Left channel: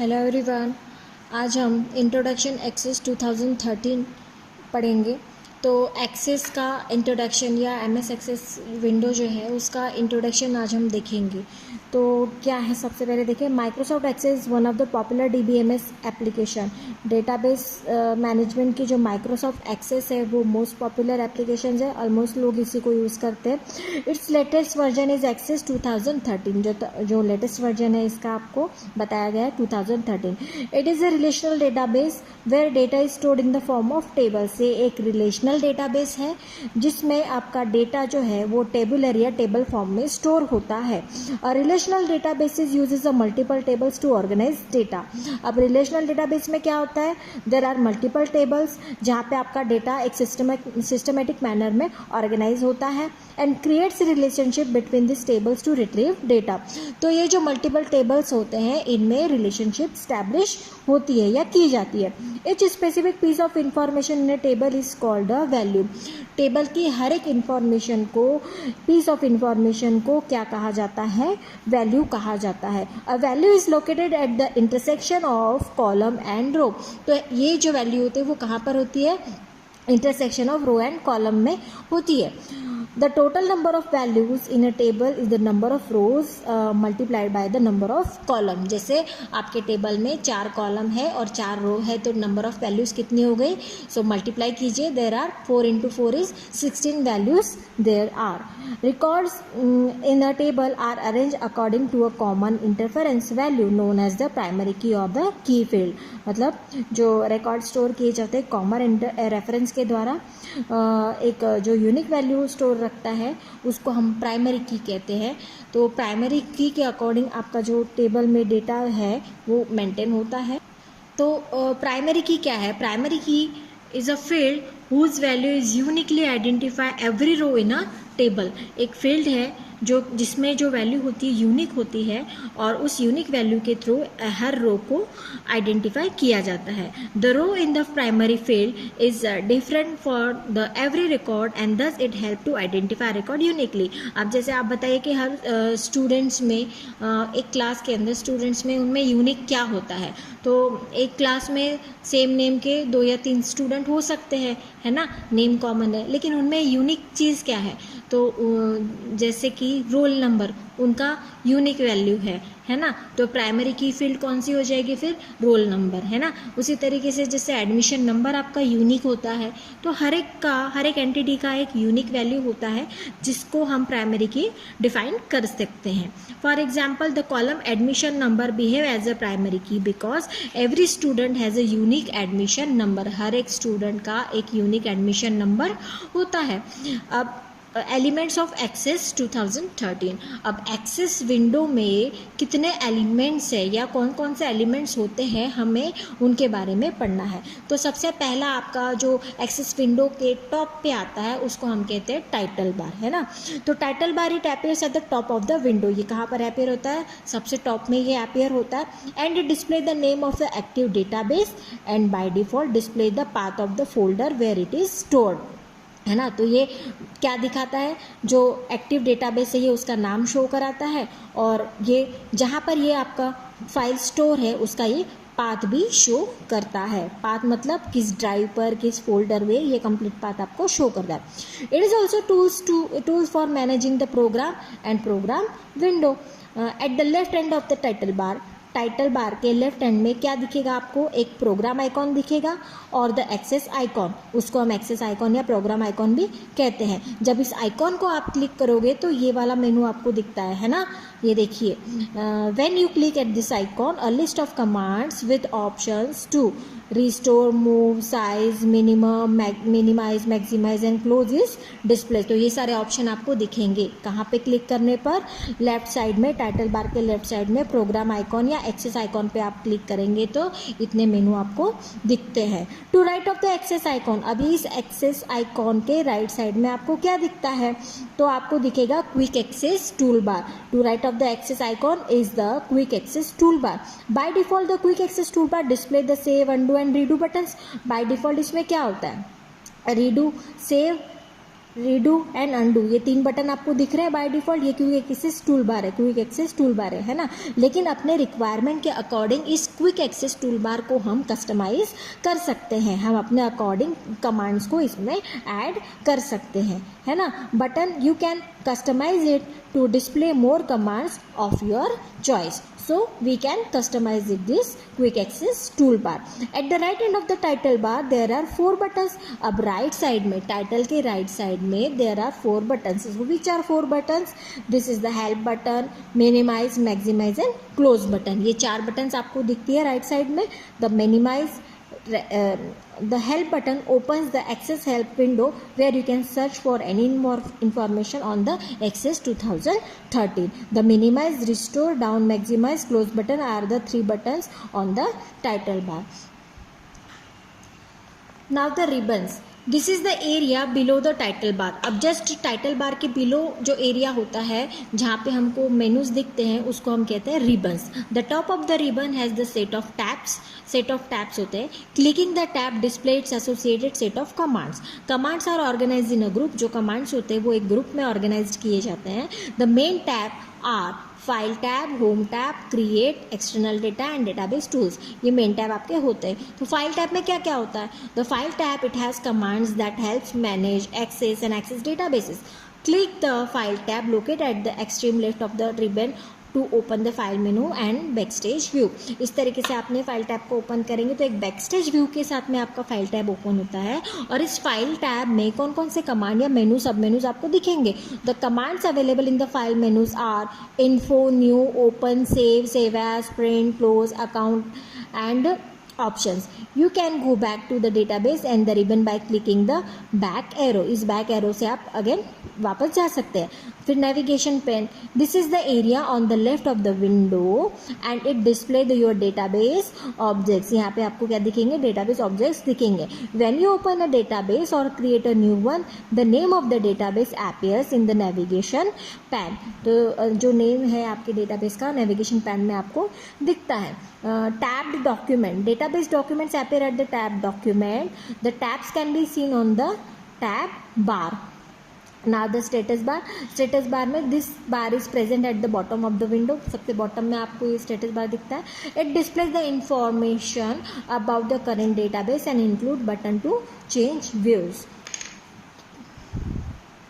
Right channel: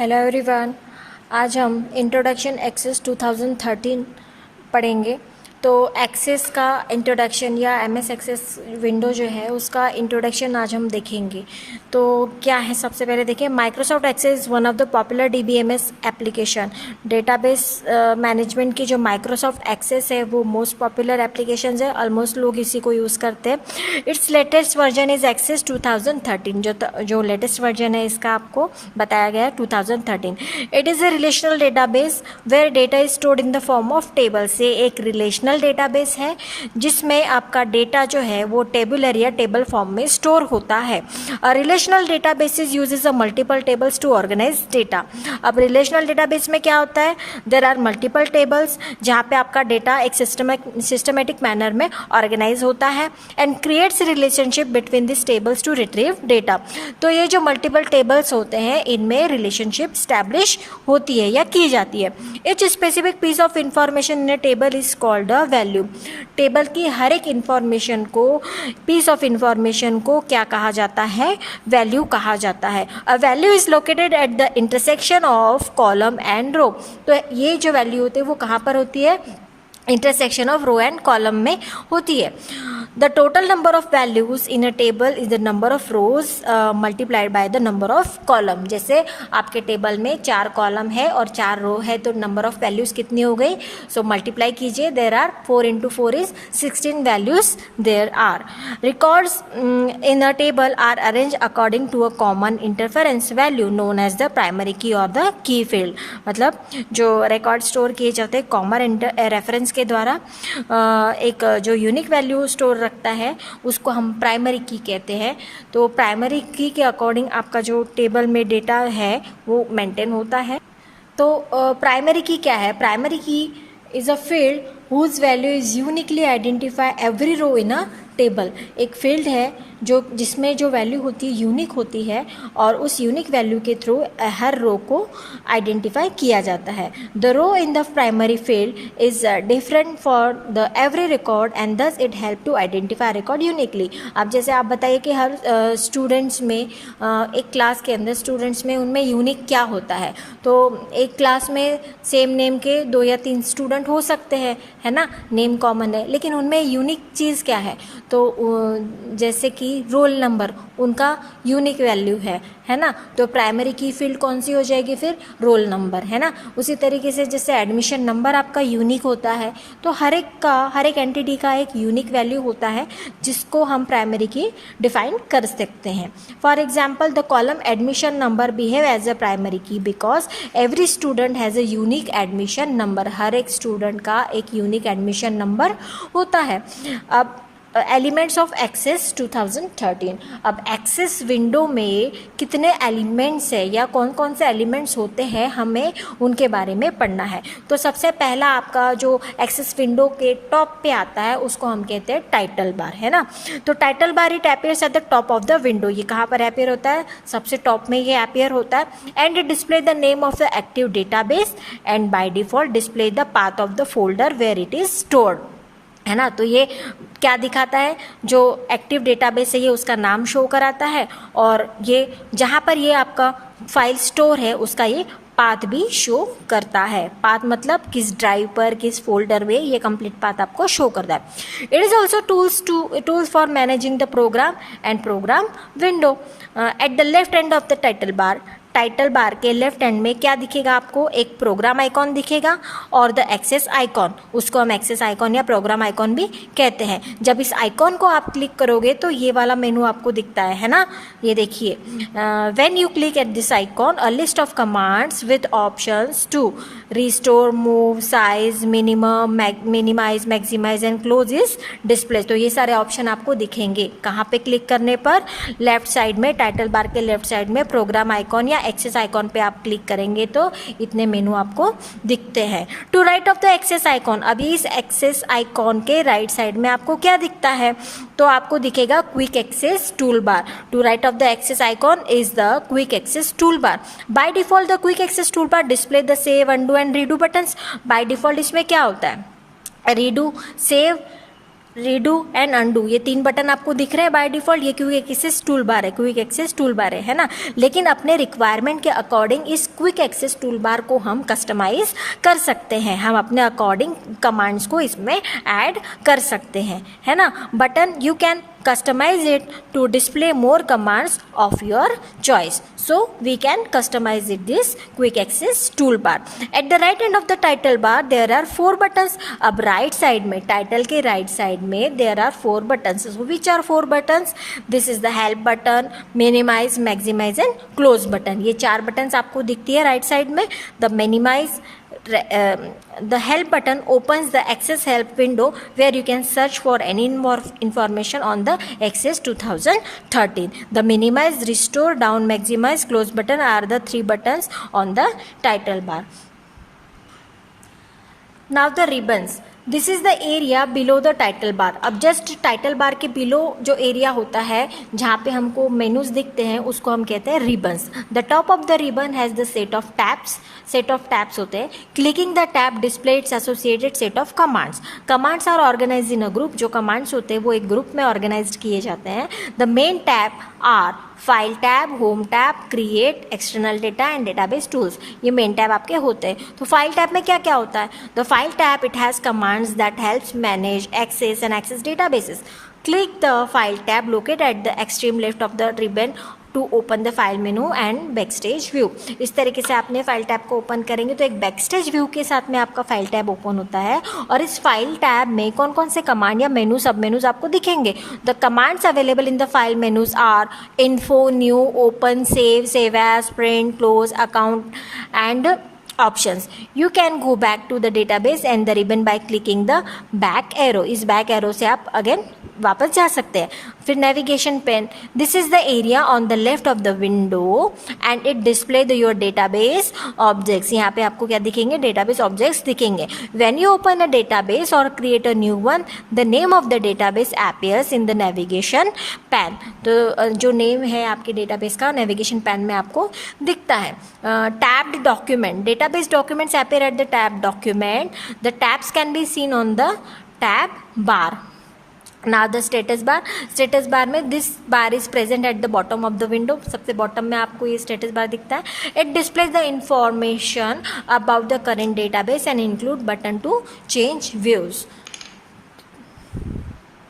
Hello everyone. आज हम introduction access 2013 पढ़ेंगे। तो एक्सेस का इंट्रोडक्शन या एमएस एक्सेस विंडो जो है उसका इंट्रोडक्शन आज हम देखेंगे। तो क्या है, सबसे पहले देखिए, Microsoft Access one of the popular DBMS application. Database management की जो माइक्रोसॉफ्ट एक्सेस है वो मोस्ट पॉपुलर एप्लीकेशन है, ऑलमोस्ट लोग इसी को यूज़ करते हैं। Its latest version is Access 2013। जो लेटेस्ट वर्जन है इसका आपको बताया गया है 2013। It is a relational database where data is stored in the form of table. से एक रिलेशनल डेटाबेस है जिसमें आपका डेटा जो है वो टेबुलर या टेबल फॉर्म में स्टोर होता है। Relational databases uses a multiple tables to organise data. अब रिलेशनल डेटाबेस में क्या होता है, देयर आर मल्टीपल टेबल्स जहाँ पे आपका डेटा एक सिस्टमेटिक मैनर में ऑर्गेनाइज होता है and creates relationship between this tables two retrieve data. तो ये जो मल्टीपल टेबल्स होते हैं इनमें रिलेशनशिप स्टैब्लिश होती है या की जाती है। Each specific piece of information in a table is called a value. Table की हर एक इंफॉर्मेशन को, पीस ऑफ इंफॉर्मेशन को क्या कहा जाता है, वैल्यू कहा जाता है। A value is located at the intersection of column and row. तो ये जो वैल्यू होती है वो कहाँ पर होती है, intersection of row and column में होती है। The total number of values in a table is the number of rows multiplied by the number of column. जैसे आपके टेबल में 4 कॉलम है और 4 रो है तो नंबर ऑफ वैल्यूज कितनी हो गई, सो मल्टीप्लाई कीजिए। There are 4 into 4 is 16 values there are. Records in a table are arrange according to a common interference value known as the primary key और द की फील्ड। मतलब जो record store किए जाते हैं common reference के द्वारा, एक जो यूनिक वैल्यू स्टोर रखता है उसको हम प्राइमरी की कहते हैं। तो प्राइमरी की के अकॉर्डिंग आपका जो टेबल में डेटा है वो मेंटेन होता है। तो प्राइमरी की क्या है, primary key is a field whose value is uniquely identify every row in a table. एक फील्ड है जो जिसमें जो वैल्यू होती है यूनिक होती है और उस यूनिक वैल्यू के थ्रू हर रो को आइडेंटिफाई किया जाता है। The row in the primary field is different for the every record and thus it help to identify record uniquely. अब जैसे आप बताइए कि हर स्टूडेंट्स में एक क्लास के अंदर स्टूडेंट्स में उनमें यूनिक क्या होता है, तो एक क्लास में सेम नेम के 2 या 3 स्टूडेंट हो सकते हैं, है ना, नेम कॉमन है, लेकिन उनमें यूनिक चीज़ क्या है, तो जैसे कि रोल नंबर उनका यूनिक वैल्यू है ना। तो प्राइमरी की फील्ड कौन सी हो जाएगी फिर, रोल नंबर, है ना। उसी तरीके से जैसे एडमिशन नंबर आपका यूनिक होता है तो हर एक एंटिटी का एक यूनिक वैल्यू होता है जिसको हम प्राइमरी की डिफाइन कर सकते हैं। For example the column admission number behave as a primary key because every student has a unique admission number. हर एक स्टूडेंट का एक यूनिक एडमिशन नंबर होता है। अब एलिमेंट्स ऑफ एक्सेस 2013। अब एक्सेस विंडो में कितने एलिमेंट्स है या कौन कौन से एलिमेंट्स होते हैं हमें उनके बारे में पढ़ना है। तो सबसे पहला आपका जो एक्सेस विंडो के टॉप पे आता है उसको हम कहते हैं टाइटल बार, है ना। तो title bar it appears at the top of the window. ये कहाँ पर अपीयर होता है, सबसे टॉप में ये अपीयर होता है। And it display the name of the active database and by default display the path of the folder where it is stored, है ना। तो ये क्या दिखाता है, जो एक्टिव डेटाबेस है ये उसका नाम शो कराता है और ये जहाँ पर ये आपका फाइल स्टोर है उसका ये पाथ भी शो करता है। पाथ मतलब किस ड्राइव पर, किस फोल्डर में, ये कंप्लीट पाथ आपको शो करता है। It is also tools for managing the program and program window. At the left end of the title bar के लेफ्ट एंड में क्या दिखेगा आपको, एक प्रोग्राम आइकॉन दिखेगा और द एक्सेस आइकॉन, उसको हम एक्सेस आइकॉन या प्रोग्राम आइकॉन भी कहते हैं। जब इस आइकॉन को आप क्लिक करोगे तो ये वाला मेनू आपको दिखता है ना, ये देखिए। When you click at this icon a list of commands with options to restore, move, size, minimise, maximise and close is display. तो ये सारे ऑप्शन आपको दिखेंगे कहाँ पे क्लिक करने पर, लेफ्ट साइड में, टाइटल बार के लेफ्ट साइड में प्रोग्राम आइकॉन या एक्सेस आइकॉन पे आप क्लिक करेंगे तो इतने मेनू आपको दिखते हैं। To right of the access icon, अभी इस एक्सेस आइकॉन के राइट साइड में आपको क्या दिखता है, तो आपको दिखेगा quick access tool bar. To right of the access icon is the quick access tool bar. By default the quick access tool bar display the save, undo and redo buttons. By default इसमें क्या होता है, redo, save, redo and undo, ये 3 button आपको दिख रहे हैं by default, ये क्विक एक्सेस टूल बार है, क्विक एक्सेस टूल बार है ना। लेकिन अपने रिक्वायरमेंट के अकॉर्डिंग इस क्विक एक्सेस टूल बार को हम कस्टमाइज कर सकते हैं, हम अपने अकॉर्डिंग कमांड्स को इसमें ऐड कर सकते हैं, है ना। Button you can customize it to display more commands of your choice, so we can customize it this quick access toolbar. At the right end of the title bar there are 4 buttons. अब right side में, title के right side में there are 4 buttons. So which are 4 buttons? This is the help button, minimize, maximize and close button. ये 4 buttons आपको दिखती है right side में. The minimize, the help button opens the access help window where you can search for any more information on the access 2013. The minimize, restore, down, maximize, close button are the 3 buttons on the title bar. Now the ribbons. This is the area below the title बार. अब just title bar के below जो area होता है जहाँ पे हमको menus दिखते हैं उसको हम कहते हैं ribbons. The top of the ribbon has the set of tabs. Set of tabs होते हैं. Clicking the tab display its associated set of commands. Commands are organize in a group. जो कमांड्स होते हैं वो एक ग्रुप में organise किए जाते हैं. The main tab are file tab, home tab, create, external data and database tools. ये मेन टैब आपके होते हैं. तो फाइल टैब में क्या क्या होता है? The file tab it has commands that helps manage, access and access databases. Click the file tab located at the extreme left of the ribbon to open the file menu and backstage view. इस तरीके से आपने file tab को open करेंगे तो एक backstage view के साथ में आपका फाइल टैब ओपन होता है. और इस फाइल टैब में कौन कौन से कमांड या मेनू, सब मेनूज आपको दिखेंगे. The commands available in the file menus are info, new, open, save as, print, close, account and options. You can go back to the database and the ribbon by clicking the back arrow. इस back arrow से आप again वापस जा सकते हैं. फिर navigation pane. This is the area on the left of the window and it display the your database objects. यहाँ पे आपको क्या दिखेंगे? डेटाबेस ऑब्जेक्ट्स दिखेंगे. When you open a database और create a new one, the name of the database appears in the navigation pane. तो जो name है आपके डेटाबेस का नेविगेशन पैन में आपको दिखता है. Tabbed document. Database documents appear at the tab document. The tabs can be seen on the tab bar. Now the status bar. Status bar में this bar is present at the bottom of the window. सबसे bottom में आपको ये status bar दिखता है. It displays the information about the current database and include button to change views.